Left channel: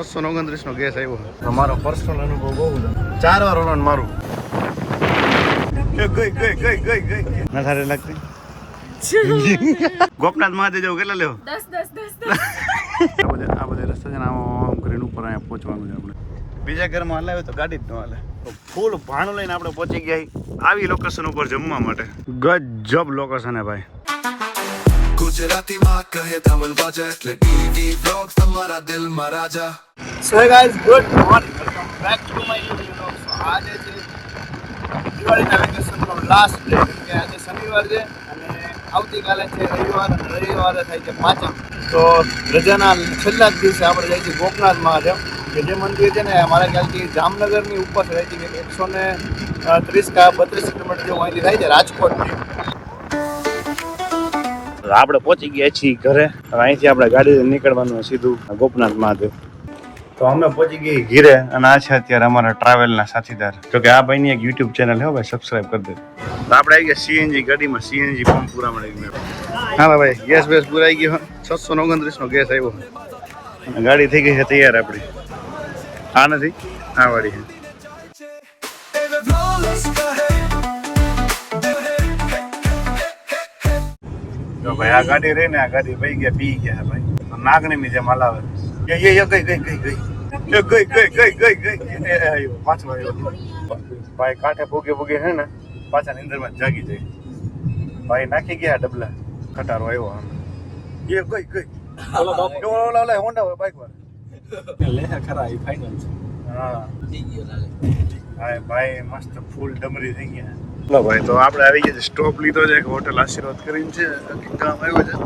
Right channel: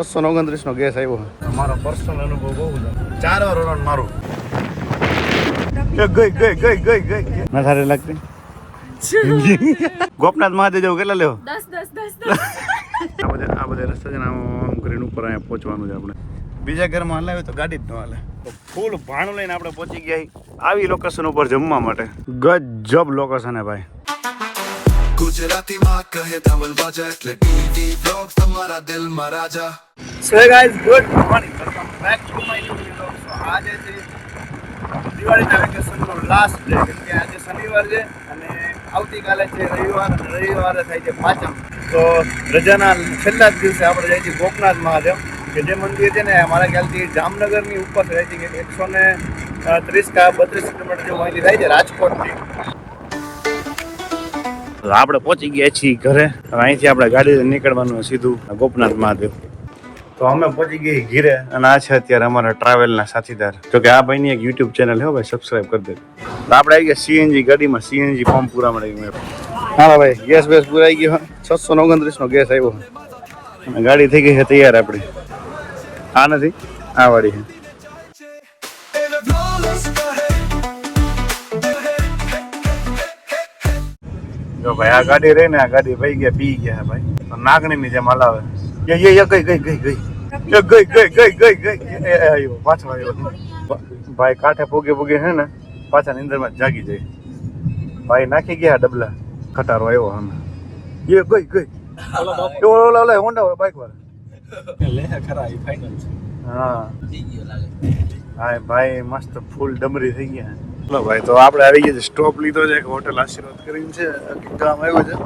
629 નો gas આવ્યો તમારો personal અનુભવ બહુ છે 4 વાર ઓનલાઈન મારું ગઈ નખારે લાગતી ગોપનાથ મહાદેવ જવું કેટલા લેવો 10 આ બધા રસ્તા છે ને આમ કરીને ઉપર અહીંયા પહોંચવાનું છે આપણે બીજા ઘરમાં હલાવે તો ગાડી જ ન હાલે તો ફૂલ ભાણું લઈને આપણે પહોંચી ગયા આવી લોકેશન ઉપર જમવા માટે ગજબ લોકેશન હે ભાઈ ગુજરાતી માં કહે ધવલ બાજા એટલે ટીવી બ્લોગ તમારા દિલમાં રાજા so guys good morning welcome back to my new blog so આજે છે દિવાળીના વેકેશનનો લાસ્ટ ડે કે આજે શનિવાર છે અને આવતીકાલે છે રવિવારે થાય છે પાંચમ તો રજાના છેલ્લા જ દિવસે આપણે જાય છે ગોપનાથ મહાદેવ કે જે મંદિર છે ને મારા ખ્યાલથી જામનગરની ઉપર રહે છે કે 130 કે 32 કિલોમીટર જેવું અહીંથી થાય છે રાજકોટથી આપણે પહોંચી ગયા છીએ ઘરે અહીંથી આપણે ગાડી નીકળવાનું સીધું ગોપનાથ મહાદેવ તો અમે પહોંચી ગઈ ઘીરે અને આ છે અત્યારે અમારા ટ્રાવેલના સાથીદાર તો કે આ ભાઈની એક યુટ્યુબ ચેનલ છે ભાઈ સબસ્ક્રાઇબ કરી દે તો આપણે આવી ગયા સીએનજી ગાડીમાં સીએનજી પંપ પૂરા મળી ગયું હા ભાઈ ગેસ બેસ પૂરાઈ ગયો 629 નો ગેસ આવ્યો અને ગાડી થઈ ગઈ છે તૈયાર આપણી આ નથી આ વાળી છે જો ભાઈ આ ગાડી રહી ને આ ગાડી ભાઈ ગયા પી ગયા ભાઈ નાગણી ની જેમ હલાવે ગઈ પાછો આવ્યો ભાઈ કાંઠે પોગે હે ને પાછા નીંદર માં જાગી જાય ભાઈ નાખી ગયા ડબલા ખટારો આવ્યો અમે ગઈ ઓલા હોન્ડા બાઈક વાળા લે ખરા આ ફાઇનલ છે હા ભાઈ મસ્ત ફૂલ ડમરી થઈ ગયા ચલો ભાઈ તો આપણે આવી ગયા સ્ટોપ લીધો છે એક હોટેલ આશીર્વાદ કરીને છે ગામ આવ્યું છે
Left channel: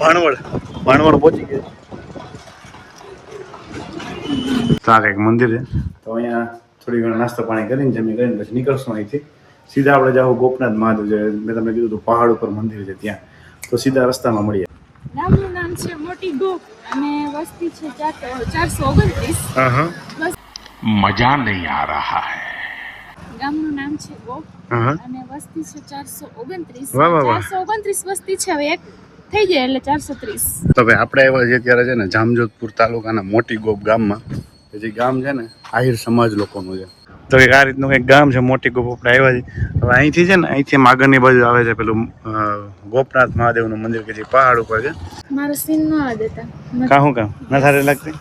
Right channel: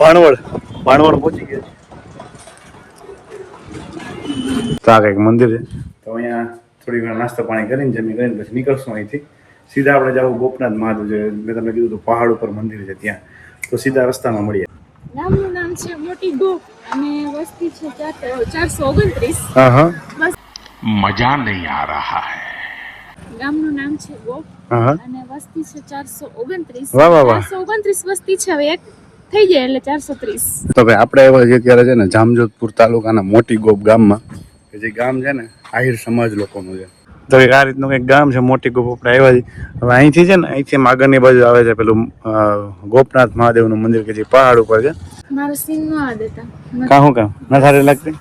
ભાણવડ પહોંચી ગયા તો આ કંઈક મંદિર છે તો અહીંયા થોડી ઘણા નાસ્તો પાણી કરીને જમી કરીને પછી નીકળશું અહીંથી સીધા આપણે જાવ ગોપનાથ મહાદેવ છે મેં તમને કીધું હતું પહાડ ઉપર મંદિર છે ત્યાં તો સીધા રસ્તામાં મળીએ ગામનું નામ છે મોટી ગોપ અને વસ્તી છે 429 હા હા બસ મજા નહીં આ રહા હૈ ગામનું નામ છે ગોપ હા અને વસ્તી છે 429 વાહ વાહ વાહ 429 વસ્તી છે હવે એક થઈ જાય એટલે 430 તો ભાઈ આપણે એવા જે અત્યારે છે ને જામજોધપુર તાલુકાના મોટી ગોપ ગામમાં કે જે ગામ છે ને આહિર સમાજ લોકોનું છે તો આ રીતનું કંઈક ગામ છે મોટી ગોપ આપણે આવ્યા છીએ હવે અહીંથી છે ને અહીંથી આગળની બાજુ આવે છે પેલું ગોપનાથ મહાદેવનું મંદિર કે જે પહાડ ઉપર છે મારો સીન ન આ દેતા કાં નખારે લાગતી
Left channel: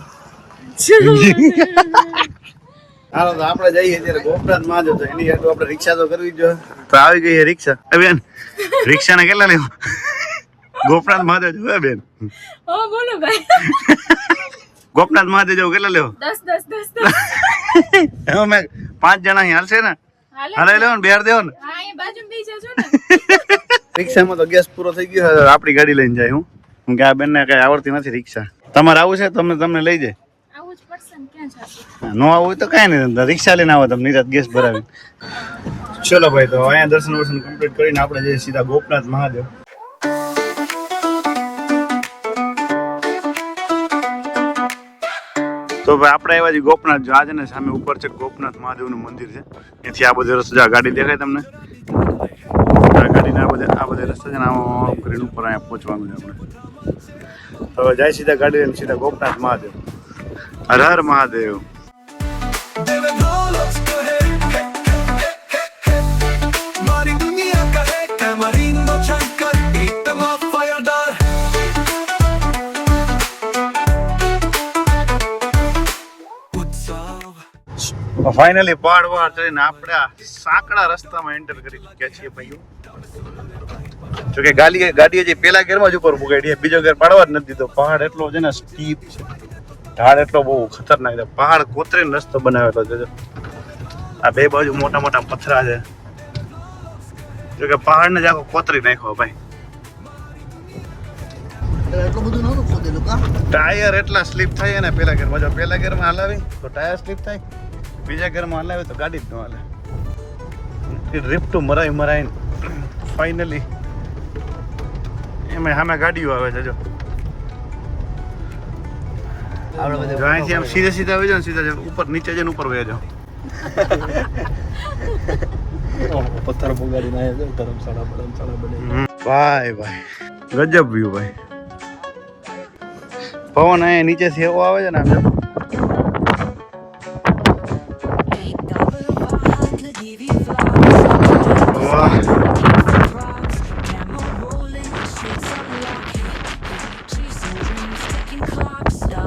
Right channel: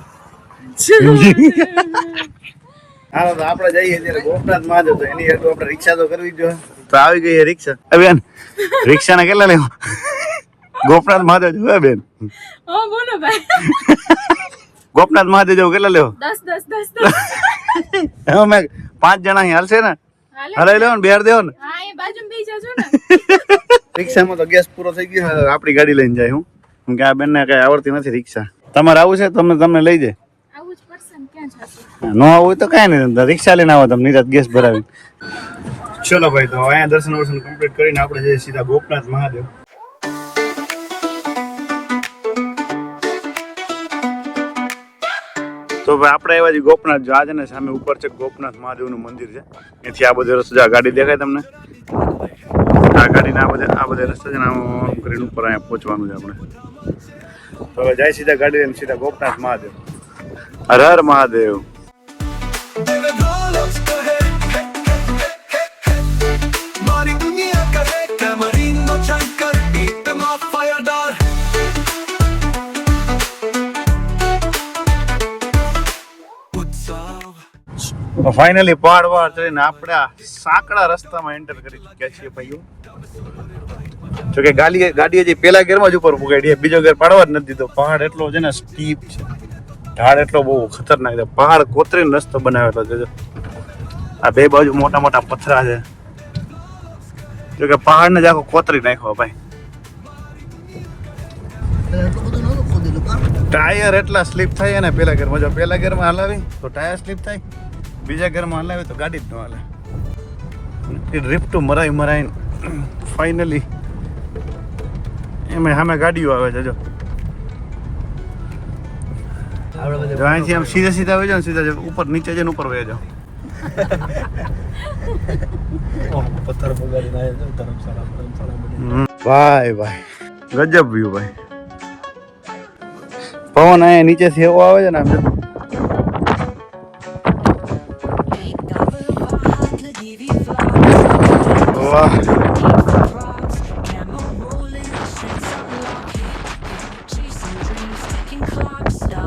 હાલો તો આપણે જઈએ ત્યારે ગોપનાથ મહાદેવ તો એની હેતુ આપણે રિક્ષા તો કરવી જ જોઈએ તો આવી ગઈ છે રિક્ષા બેન રિક્ષાને કેટલા લેવા ગોપનાથ મહાદેવ જવું બેન હા બોલો ભાઈ ગોપનાથ મહાદેવ જવું કેટલા લેવો 10 અમે 5 જણા અહીં હાલશે ને હલાવી લેવો ને બેર દેવો ને હા એ બાજુમાં બેસી જાજો ને રિક્ષામાં તો ગેસ પૂરો થઈ ગયો આપણી ગાડી લઈને જાય હું કે આ બેનને કઈ આવડતી નથી રિક્ષા તમારે આવું છે તમને લઈ જાય આવું જ પડશે ને ક્યાં જાશે નો આવું હોય તો કાંઈ નહીં રિક્ષા લઈને આવો તમે નિરાત ગેસ ભરાવી ચલો ભાઈ તો અહીંયા દર્શન કમ્પ્લીટ કરીને આપણે જઈએ સીધા ગોપનાથ મહાદેવ તો ભાઈ આપણે આવ્યા છીએ ગોપનાથ જો આજે ને સામે ઉપર છે ગોપનાથ મહાદેવનું મંદિર છે એથી આ બધો રસ્તો ગાડી દેખાય તમને આ ગાડીને આ બધા રસ્તા છે ને આમ કરીને ઉપર અહીંયા પહોંચવાનું છે આપણે તો હવે જાય સીધા ગાડી લઈને સીધા ગોપનાથ મહાદેવ હર હર મહાદેવ મારી દુનિયા કહે કેમરીનો શંકર એકમાં ફાયરદાર ફાઇનલી પહાડ વાર ચડીને આપણે સાંકડા રસ્તામાં એન્ટર કરી ચૂક્યા છીએ ભાઈઓ તો કે ગાડી હજી પેલા ગેરમાં જ ઉપર પુગાડી બીજો ગેર પાડવા જ નથી દીધો પહાડ એટલો છે ને સ્ટીપ છે ઢાળ એટલો બહુ ખતરનાક છે પહાડ કોતરીને રસ્તો બનાવેલો છે આ બે બાજુ મોટા મોટા પથરા છે તો કે પહાડને જ આખો કોતરી નાખ્યો ભાઈ ટાયર એટલા સ્લીપ થાય ને પેલા ગેરમાં જો પેલા ગેરમાં હલાવી તો ટાયર સ્લીપ થાય બીજા ઘરમાં હલાવી તો ગાડી જ ન હાલે ડ્રિફ્ટું મરાઈ ફાઇનલી એમાં સામે ગાડીઓ આવે છે જો અહીંથી આમ સીધા આવી જાવ સીધા ઉપર નીચે જઈને ઉપર વહી જાવ પથ્થર પગાડીને ધર્મશાળા ભાઈ ગજબ વ્યૂ ભાઈ પવન અહીંયા નીચેથી એવો આવે છે ને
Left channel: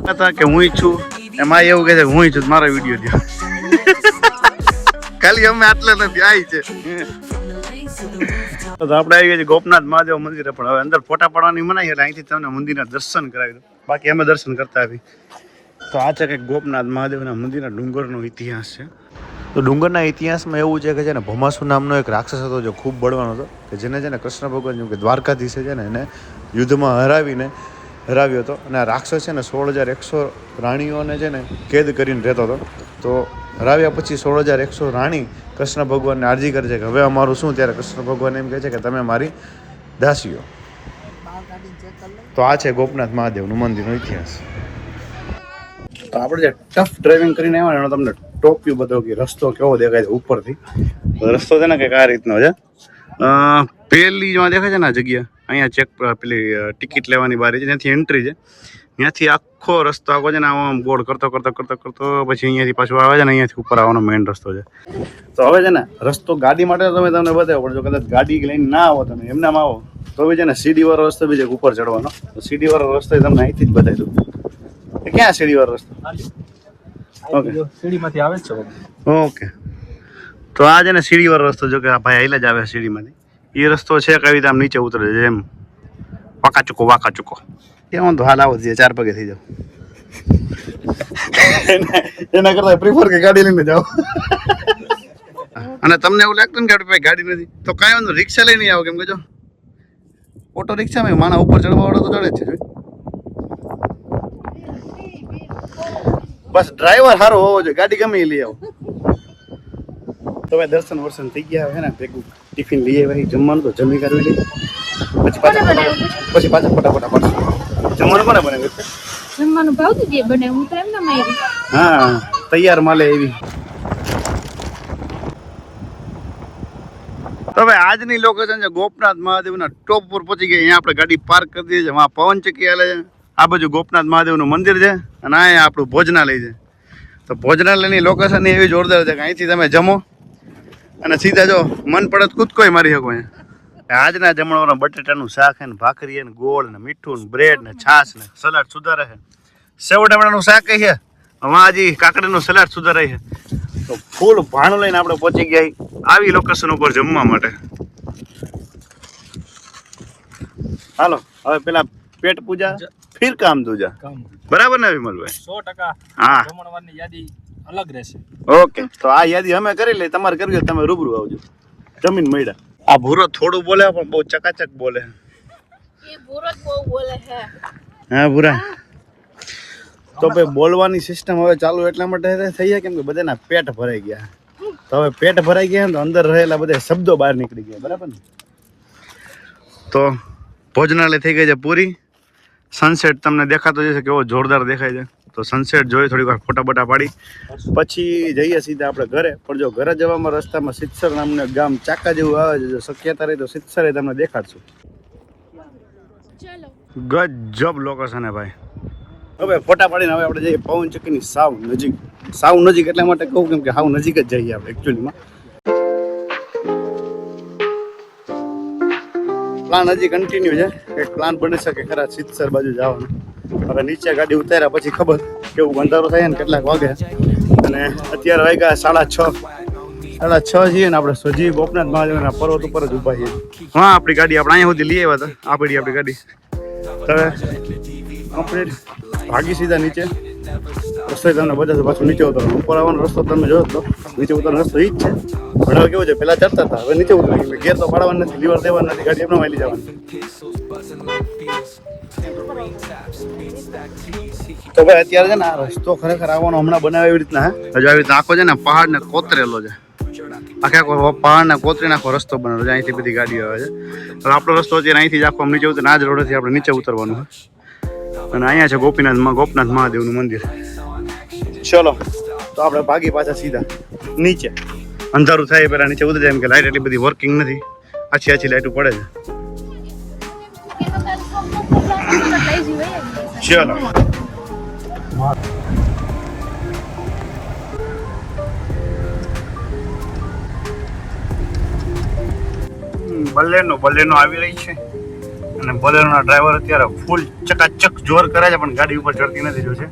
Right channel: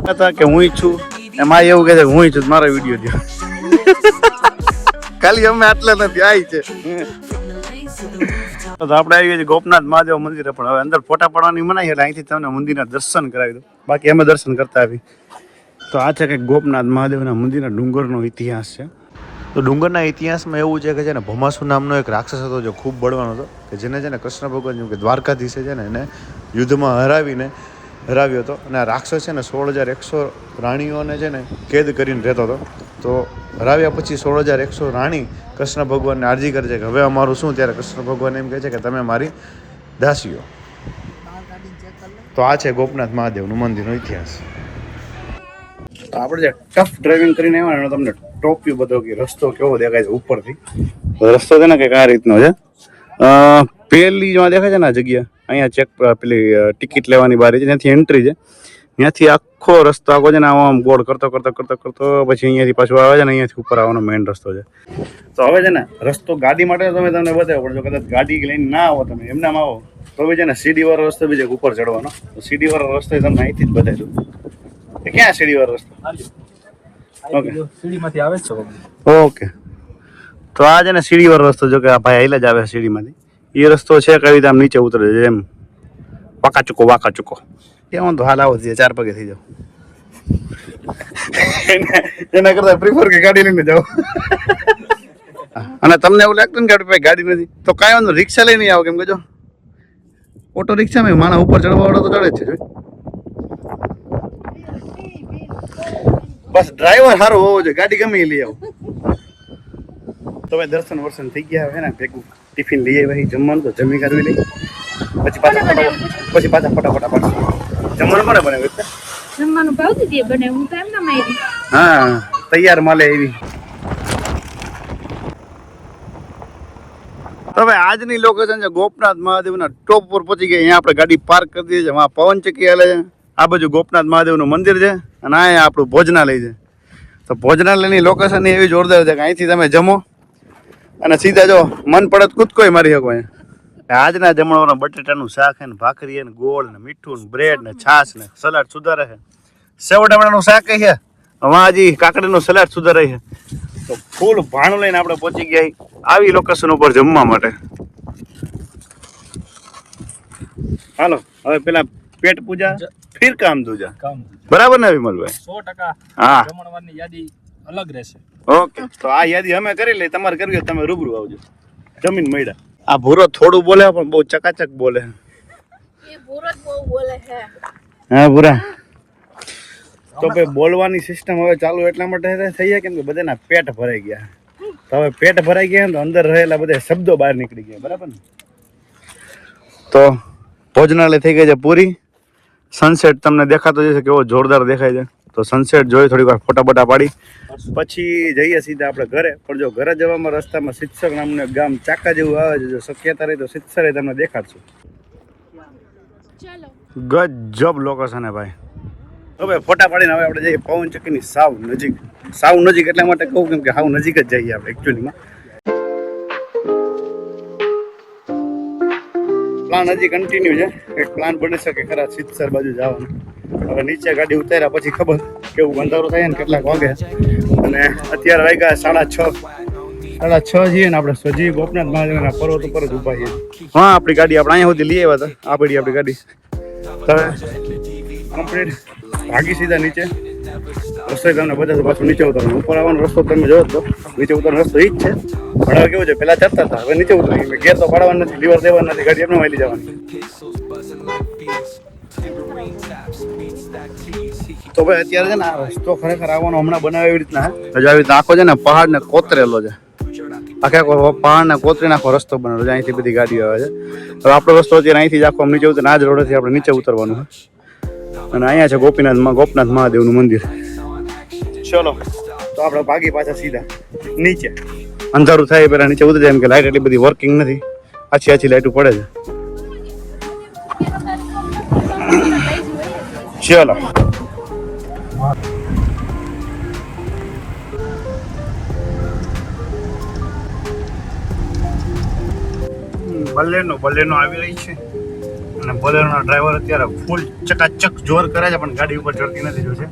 હતા કે હું છું એમાં એવું કહે છે કે હું છું મારો વિડીયો થયો ખાલી અમે આટલા નથી આવી છે તો આપણે આવી ગયા છે ગોપનાથ મહાદેવ મંદિરે પણ હવે અંદર ફોટા પાડવાની મનાઈ એટલે અહીંથી તમને મંદિરના દર્શન કરાવી દો બાકી અમે દર્શન કરતા આવી તો આ છે કે ગોપનાથ મહાદેવના મંદિરના ડુંગરનો ઇતિહાસ છે તો ડુંગરના ઇતિહાસમાં એવું છે કે છે ને ભમાસુ નામનો એક રાક્ષસ હતો જે ખૂબ બળવાનો હતો કે જેને છે ને કૃષ્ણ ભગવાન જેમ કે દ્વારકાધીશે છે ને એને યુદ્ધમાં હરાવ્યો હતો અને આ રાક્ષસ છે ને 16,100 રાણીઓને છે ને કેદ કરીને રહેતો હતો તો હરાવ્યા પછી 16,100 રાણી કૃષ્ણ ભગવાનને અરજી કરે છે કે હવે અમારું શું ત્યારે કૃષ્ણ ભગવાન એમ કહે છે કે તમે મારી દાસીઓ તો આ છે ગોપનાથ મહાદેવનું મંદિરનો ઇતિહાસ તો આપણે જે ટફ ડ્રાઇવિંગ કરીને આવ્યા એનો તમને ટોપ વ્યૂ બતાવો કે રસ્તો કેવો દેખાય છે ઉપરથી રસ્તો છે ને કે આ રીતનો છે પહેલી જેમાં દેખાય છે ને આ જગ્યા અહીંયા ચેક પેલી ટિકિટ લેવાની બારી છે ત્યાંથી એન્ટ્રી છે ત્યાંથી આખો રસ્તો આખો છે ને આમ ગોળ કરતો પછી અહીંયાથી પાછું આવે છે ને અહીંયાથી ઉપર આવવાનો મેઇન રસ્તો છે તો હવે છે ને રસ્તો ગાડી માટે તમે તમને બતાવો પડે જો કદાચ ગાડી લઈને ના આવો તમે એમનામાં આવો તો બી છે ને સીડીવાળો રસ્તો બી છે ઉપર ચડવાનો તો સીડીવાળો રસ્તો તમને અહીંથી જ બતાવી દઉં કે ક્યાં સીડીવાળો રસ્તો ઓકે સીડીમાંથી આવે છે ઓકે તો આ છે ને સીડીવાળો રસ્તો જો કે આ ભાઈ આઈલા જ આવે સીડીમાંથી એ રસ્તો છે કઈ રીતે આમ નીચે ઉતરે છે એમ વાંકા ચૂકો કેમ તો હાલ આવો થઈએ 4 પગે થઈ જાવ એના કરતા પ્રિફર કે ગાડી લઈને જાઓ અને તમને એવું લાગતું ને કે આપણી પાસે ગાડી નથી તો કાંઈ વાંધો રિક્ષા લઈને આવો કેમ કે જો ઓટો રિક્ષામાં માણસ ઉપર ચડવા વાળો તો ચડે જ છે બસ ડ્રાઈવર સારો હોવો જોઈએ ગાડી ગમે એ લઈ આવો તો ભાઈ દર્શન થઈ ગયા છે ને ભેગું ટિફિન લઈ આવ્યા જમવાનું તો જમી કરવી લઈ પછી પાછા ફટાફટ જમવાનું કોને બનાવ્યું જમવાનું ભાવતું જે બને હું તો એમ ના મારી હા તૈયાર માલે એવી તો હવે આજની લોકેશન છે ગોપનાથ મહાદેવના ટોપ પર પહોંચી ગયા અહીંયા આપણે ગાડી પાર્ક કરી દઈએ છીએ વहाँ પવન ચક્કી હાલે છે આ બાજુ ગોપનાથ મહાદેવનું મંદિર છે અને અહીંયા આપણું ભોજનાલય છે તો ભોજનાલયની લોકેશન એવી જોરદાર છે કે અહીંથી તમે જમો અને સીધા જો મન પડત કૂદકોય મારી શકો અહીંયા આજના જમણવારમાં બટેટાનું શાક ને ભાખરી ને ગોળ ને મીઠું ને બ્રેડ ને છાશ ને સલાડ સુધારે છે સેવ ટમેટાનું શાક છે વાં હજી કાકડીનું સલાડ સુધારે છે તો ફૂલ ભાણું લઈને આપણે પહોંચી ગયા આવી લોકેશન ઉપર જમવા માટે હાલો હવે પેલા પેટ પૂજા ફિર કામ દૂજા બરાબર ને વિમલભાઈ 100% હા જમણવારની યાદી અલગ રહેશે ઓકે તો આ યાદી અમે કરી લઈ તમારે કરવી હોય તમે રૂબરૂ આવજો જમીન મળ્યા આ ભૂરો થોડું બોલે પણ બહુ ચકાચક બોલે એ ભૂરો જ બહુ બોલે છે હા ભૂરા તો ભાઈ બોલવાની સિસ્ટમ હવે ચાલુ એટલા માટે થઈ જાય કેમ કે બધાના પેટ ભરાઈ ગયા તો હવે પેટ ભરાઈ ગયા તો અંદર રહેલા બધા શબ્દો બહાર નીકળી ગયા બરાબર ને તો ભોજનાલય થઈ ગઈ છે પૂરી સનસેટ તમને દેખાતો જશે કેવો જોરદાર દેખાય છે તો સનસેટ જોઈ થોડી વાર ફોટા બોટા પાડી પછી જઈએ સીધા આપણે ઘરે પણ જો ઘરે જવામાં રસ્તામાં સિત્સર નામનું ગામ ચાકા જેવું આવે છે જો શક્યતા રહી તો સિત્સરે તમને દેખાડશું ચાલો ગજબ લોકેશન હે ભાઈ હવે ફોટા પાડીને હવે આપણે જઈએ પવન ચક્કીની સાવ નજીક એટલા માટે કહું કેમ કે સાવ નજીક જ જઈએ આપણે એકચ્યુઅલીમાં પ્લાન હજી કન્ટિન્યુ છે એક પ્લાન બની શકે ખરા સિત્સર બાજુ જવાનું હવે નીચે ગાડી ઉતાર્યા પછી ખબર કેવું અંધારું થાય ને કેટલાક વાગે અને અત્યારે વાગ્યા 6:30 છીએ ને આપણે સજી ગોપનાથ મહાદેવના પર્વત ઉપર જ ઊભા છીએ હા આપણી ગાડી આપણે અહીંયા સુધી લઈ આવ્યા હતા આ પડી આપણી ગાડી હવે કમ્પ્લીટ ભાગી સીધા નીચે રસ્તો તમને બધા પાછું નીચે ઉતરવાનું ઉપર આવવાનો રસ્તો તમે જોયો તો નીચે ઉતરવાનો રસ્તો એ જ છે ભણાવ કેવું છે પેલા ચડતા હતા હવે નીચે ઉતરી ગેર તો પાડવાનું નથી લીવર દેવાનું નથી ગાડી એમનો લઈ જવાની તો ભાઈ અત્યારે છે ને આ રસ્તો ખરેખર આવવાનો હમણાં બનાવે એવી રીતના હજુ આવી રીતના આખો છે ને પહાડ ને કોતરેલો છે આખે આખો પહાડ ને કોતરીને આખો રસ્તો બનેલો છે અહીંથી બધી ગાડીઓ આવે છે હવે આપણો રસ્તો અત્યારે અહીંથી જ આખો નીચે ઉતરે આ જ રોડેથી આપણે નીચે ઉતરવાનું અને અહીંયા છે ગોપનાથ મહાદેવનું મંદિર ચલો તો આપણે ભાગી પાછા સીધા નીચે અંધારું થાય પેલા નીચે ઉતરી જાય એમ કે લાઇટ એટલી બધી વર્કિંગ નથી આછી લાઇટો પડે છે ચલો બલેનો આવી રહી છે અને બલેનોના ડ્રાઈવર અત્યારે ફૂલ ચકાચક જોર કરે છે પણ ગાડી ઉપર ચડતી નથી જોશે.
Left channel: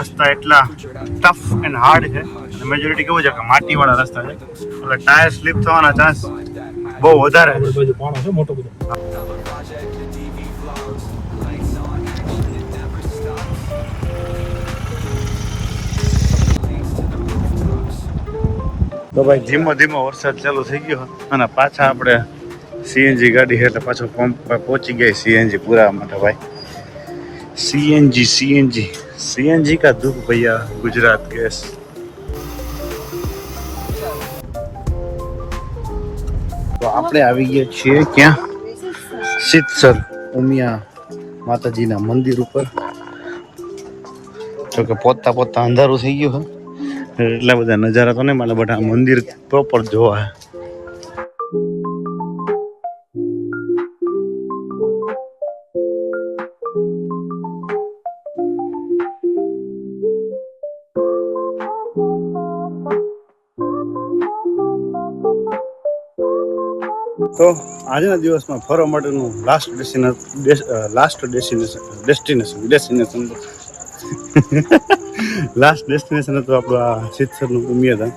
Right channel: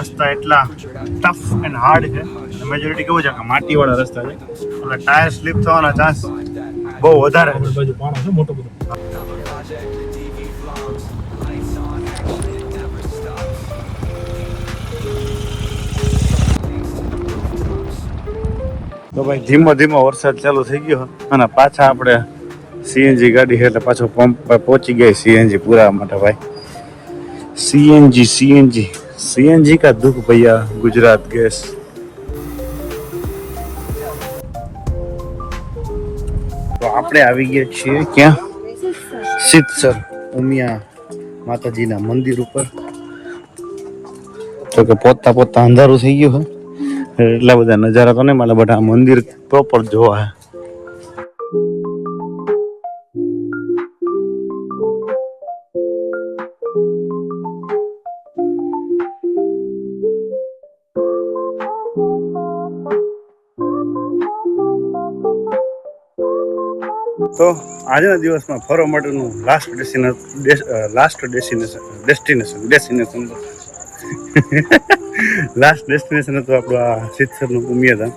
રસ્તા એટલા ટફ એન્ડ હાર્ડ છે અને મેજોરિટી કેવું છે કે માટીવાળા રસ્તા છે એટલે ટાયર સ્લીપ થવાના ચાન્સ બહુ વધારે છે. બાજુ પાણો છે મોટો બધો. તો ભાઈ ધીમો ધીમો વરસાદ ચાલુ થઈ ગયો અને પાછા આપણે સીએનજી ગાડી છે એટલે પાછો પંપ પર પહોંચી ગયા સીએનજી પૂરા માટે ભાઈ. સીએનજી કા દુઃખ ભૈયા ગુજરાત ગેસ. તો આપણે આવી ગયા છીએ ક્યાં? સિદ્ધસર ઉમિયા માતાજીના મંદિર ઉપર. તો કે પોતા અંધારું થઈ ગયું છે એટલા બધા નજારા તો નહીં મળે બટ આ મંદિર પ્રોપર જોવા હે. તો આજના દિવસમાં ફરવા માટેનું લાસ્ટ ડેસ્ટિનેશન હતું આપણું આ સિદ્ધસરનું ઉમિયાધામ.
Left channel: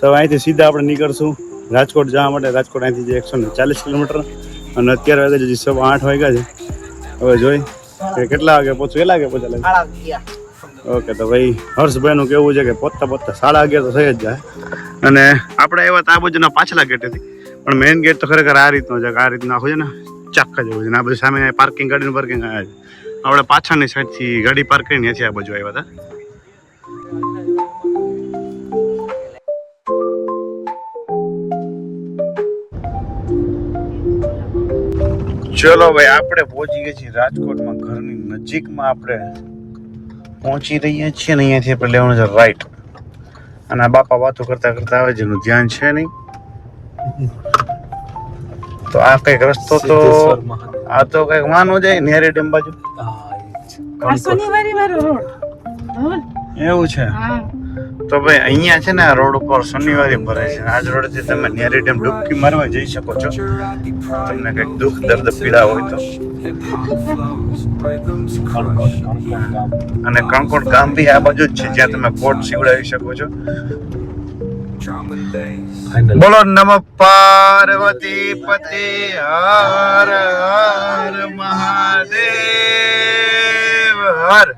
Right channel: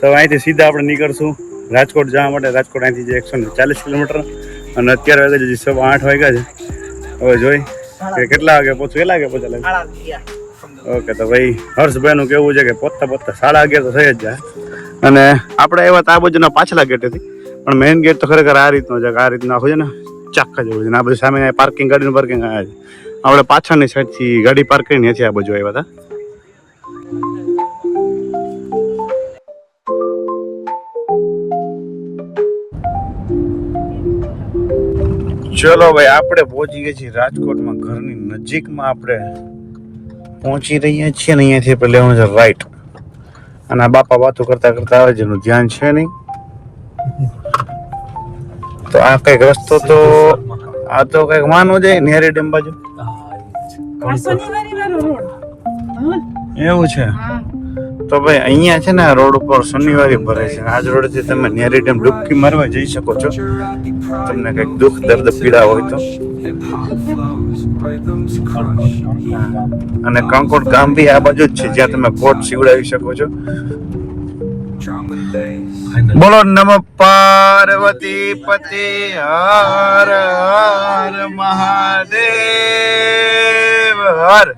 તો અહીંથી સીધા આપણે નીકળશું રાજકોટ જવા માટે. રાજકોટ અહીંથી જે 140 કિલોમીટર અને અત્યારે વાગે હજી 8:15 વાગ્યા છે. હવે જોઈ કે કેટલા વાગે પહોંચું. કેટલા વાગે પહોંચેલા? ઓકે. તો ભાઈ હર્ષભાઈનું કેવું છે કે પહોંચતા 11:30 તો થઈ જ જાય. અને આપણે એવા આ બાજુના પાછલા ગેટેથી પણ મેઇન ગેટ તો ખરેખર આ રીતનો છે કે આ રીતનું આખું છે ને ચાક્કા જેવું છે ને આ બધું સામે પાર્કિંગ ગાડીનું પાર્કિંગ આવ્યા છે. આપણે પાછળની સાઈડથી ગાડી પાર્ક કરીને અહીંથી આ બાજુ આવ્યા હતા. ચલો ભાઈ આપણે પહોંચી ગયા છીએ રાજકોટમાં. ઘરની નજીકમાં આપણે પહોંચી રહ્યા છીએ ને અહીંયાથી આપણે લેવાનું છે રાઈટ. અને આ બાપા વાતો કરતા કરતા આવે જેનું ધ્યાન છે નહીં. તો આ કઈક રસ્તો તો આ તો કઈક માનો જાય નેહરી ડેમ બાજુ એવું છે. તો ભાઈ અહીંયા છે ને આ રોડ ઉપર શનિવારે ભરે છે. આજ રોડ થી તમે નેહરી ડેમ ડૂબકી મારવા જઈ શકો છો તમને કઈક દુઃખ દર્દ પીડા હોય તો. અને કંકોડ ગામ બી આ બાજુ જ છે જ્યાં તમે બોટ સીવડાવી શકો છો. બોલો નમ પાર્વતી પતિ હર હર મહાદેવ હર.